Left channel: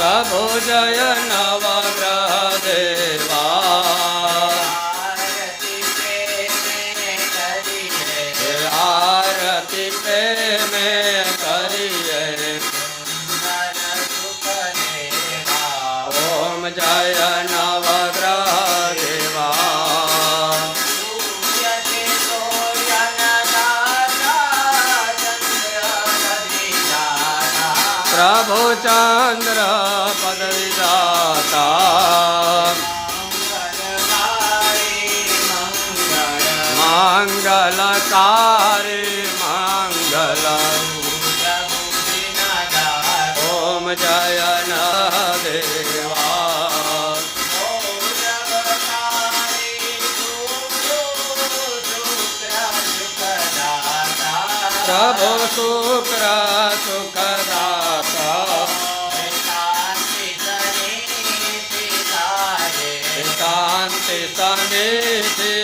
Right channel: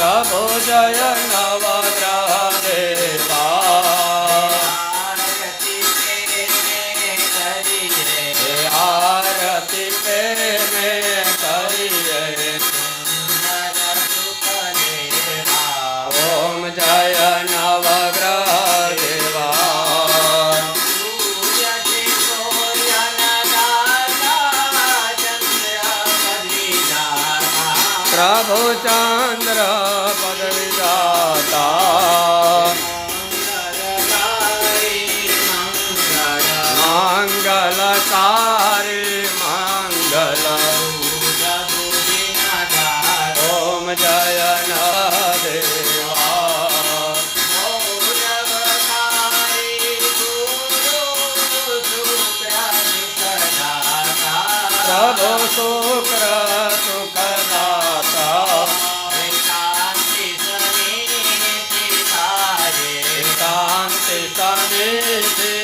પ્રભુ જય નવગ્રહ દેવા આરતી પ્રેમે કરીએ. ઓમ જય નવગ્રહ પ્રભુ ચંદ્ર પદવિદાતા. મંગલકારી મંગલ. ઓમ જય દેવા પ્રભુ શુક્ર સુખદાતા. शान्ति सर्वेषु